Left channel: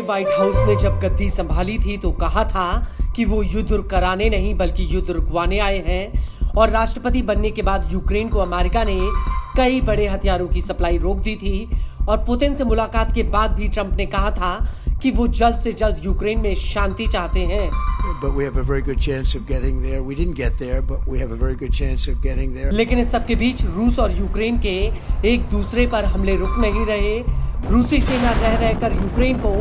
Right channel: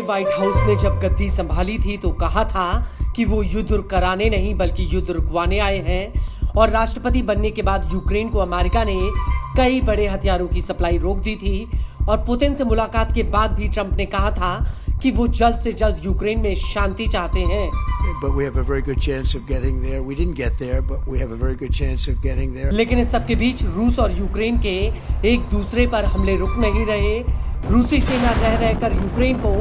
ने white house में जब गद्दी संभाली थी तो कहा था कि वो युद्ध कराने नहीं बल्कि युद्ध रुकवाने आए हैं। और राष्ट्रपति बनने के बाद यूक्रेन को अमेरिका ने कई बड़े हथियारों की सप्लाई रोक दी थी। और पुतिन से मुलाकात के बाद भी ट्रंप ने कहा था कि वो जल्द से जल्द यूक्रेन में शांति चाहते हैं। लेकिन इस सब के बीच रूस और यूक्रेन के एक दूसरे पर हमले रुक नहीं रहे। रूसी सेना रह रहकर यूक्रेन को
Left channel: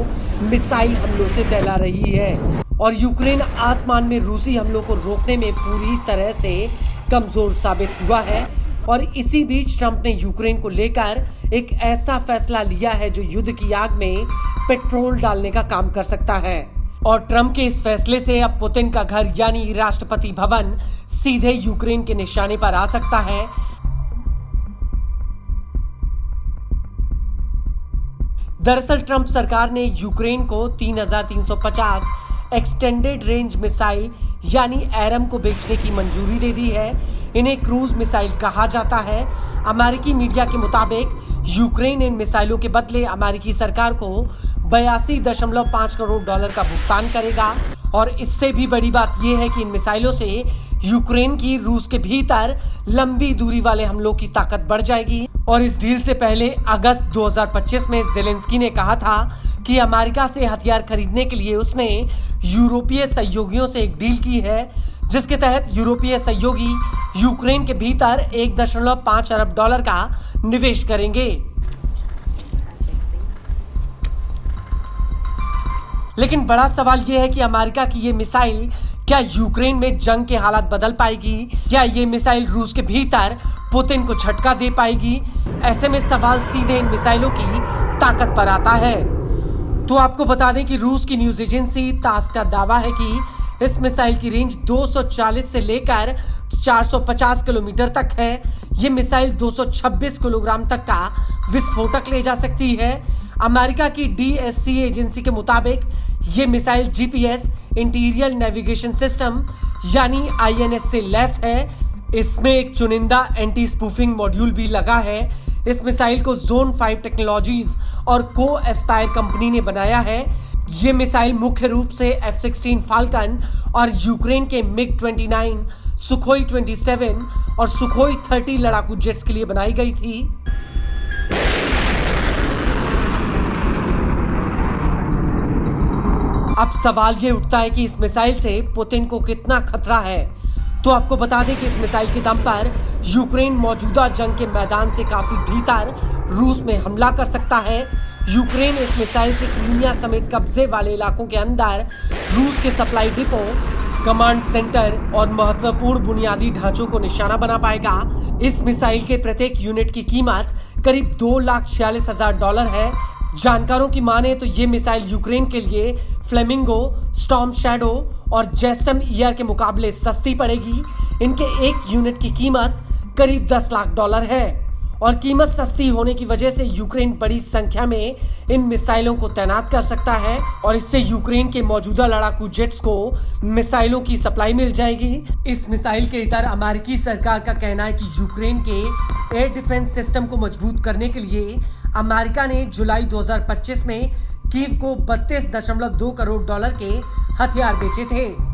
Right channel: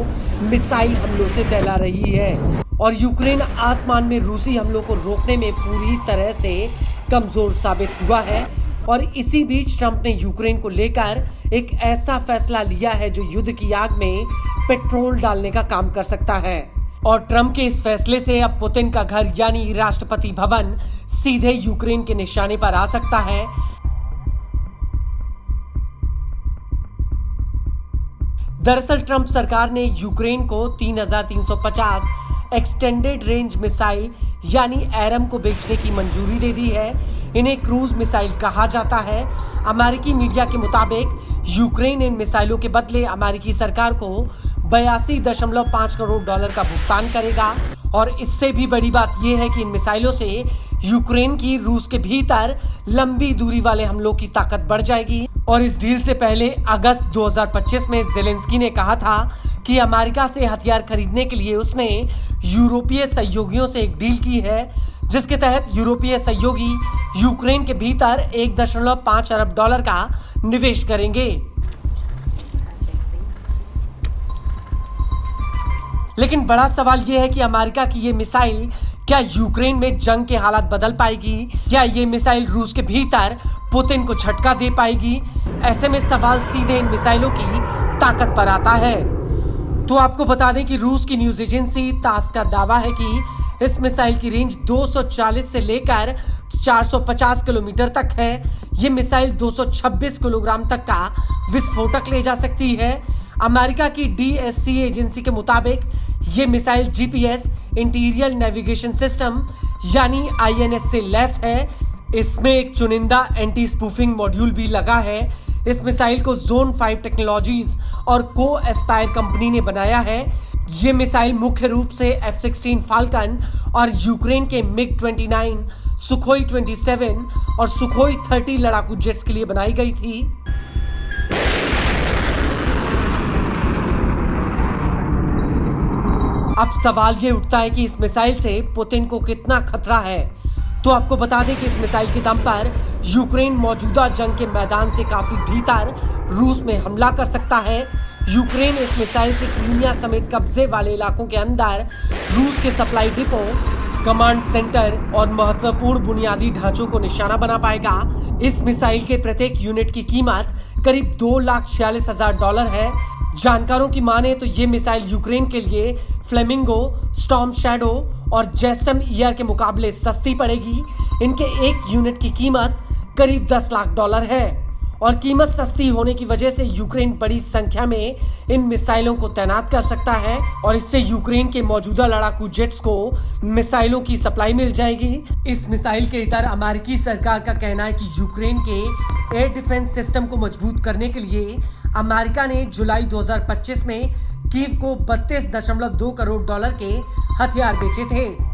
मिसाइल हमलों से दहला रही है और यूक्रेन आसमान में रूसी हमलों को रोकने में पूरी तरह से कमजोर साबित हुआ है। और इसी बीच ट्रंप ने यूक्रेन को लेकर एक ऐसा फैसला लिया है जो युद्ध की आग में पेट्रोल डालने का काम कर सकता है। और ट्रंप के इस फैसले से अब पुतिन का घर यानी राष्ट्रपति भवन सीधे यूक्रेन के निशाने पर आ सकता है। दरअसल ट्रंप सरकार ने यूक्रेन को 3350 एक्सटेंडेड रेंज मिसाइल यानी एरम को बेचने की मंजूरी दे दी है। इन्हें क्रूज मिसाइल कहा जाता है। अमेरिकी मीडिया के मुताबिक यूक्रेन इन मिसाइलों के बदले अमेरिकी सरकार को 82.5 करोड़ डॉलर का भुगतान करेगा। और इससे भी बड़ी बात यह है कि इन मिसाइलों से यूक्रेन की रूस के भीतर लंबी दूरी वाले हमलों की ताकत बढ़ जाएगी। और इस डील से पहले अगस्त 2025 में ज़ेलेंस्की ने कहा था कि अमेरिका से हथियार खरीदने के लिए उसने यूरोपीय सहयोगियों से एक डील की है जिसके तहत यूरोपीय सहयोगी यूक्रेन के भीतर 1.5 अरब डॉलर का निवेश करेंगे। लेकिन बड़ा सवाल यह है कि अमेरिका की ये मिसाइल क्या यूक्रेन में जंग के हालात बदल पाएगी? क्या ये मिसाइल रूस के भीतर पुतिन को झटका दे पाएगी? ऐसे में सवाल सीधे इन मिसाइलों की ताकत पर आता है। तो आपको बता दें कि रूस की न्यूज एजेंसी तास का दावा है कि इस मिसाइल की रेंज 240 से लेकर 450 किलोमीटर तक है। ये मिसाइल 226 किलोग्राम तक का विस्फोटक ले जा सकती है। अमेरिका की DSC एजेंसी के मुताबिक ये missile GPS interior navigation system यानी INS से लैस है। इसमें एक चुनिंदा एंटी स्पूफिंग मॉड्यूल भी लगा है। इस मिसाइल को जोन 5 टेक्नोलॉजीज और को एस्पायर कंपनी ने बनाया है। ये मिसाइल मुख्य रूप से F-16 फाल्कन और यूक्रेन के MiG-29, सुखोई 27 और सुखोई 30 लड़ाकू जेट्स के लिए बनाई गई थी। अब सवाल ये उठता है कि इस मिसाइल से पुतिन को कितना खतरा है। तो आपको बता दें कि इस मिसाइल के दम पर यूक्रेन मौजूदा जंग के मैदान से काफी भीतर रूस में हमला कर सकता है। यूक्रेन इस मिसाइल से क्रीमिया समेत कब्जे वाले इलाकों के अंदर रूस के सप्लाई डिपो, कमांड सेंटर और महत्वपूर्ण बुनियादी ढांचों को निशाना बना पाएगा। इस मिसाइल के प्रत्येक यूनिट की कीमत करीब $2,46,000 है। जानकारों की माने तो ये मिसाइल यूक्रेन के लिए फ्लेमिंगो, स्टॉर्म शैडो और जैसम ईयर के मुकाबले सस्ती पड़ेगी। इनके एक यूनिट की कीमत करीब $10 लाख है। और कीमत सस्ती होने की वजह से यूक्रेन बड़ी संख्या में इन मिसाइलों को तैनात कर सकता है और इससे यूक्रेन के मौजूदा लड़ाकू जेट्स को मिसाइलों की सप्लाई मिल जाएगी। इस मिसाइल के इतर अमेरिकी सरकार का कहना है कि यूक्रेन के एयर डिफेंस सिस्टम को मजबूत करने के लिए अमेरिका ने जुलाई 2025 में कीव को $32.2 करोड़ के हथियार बेचे थे।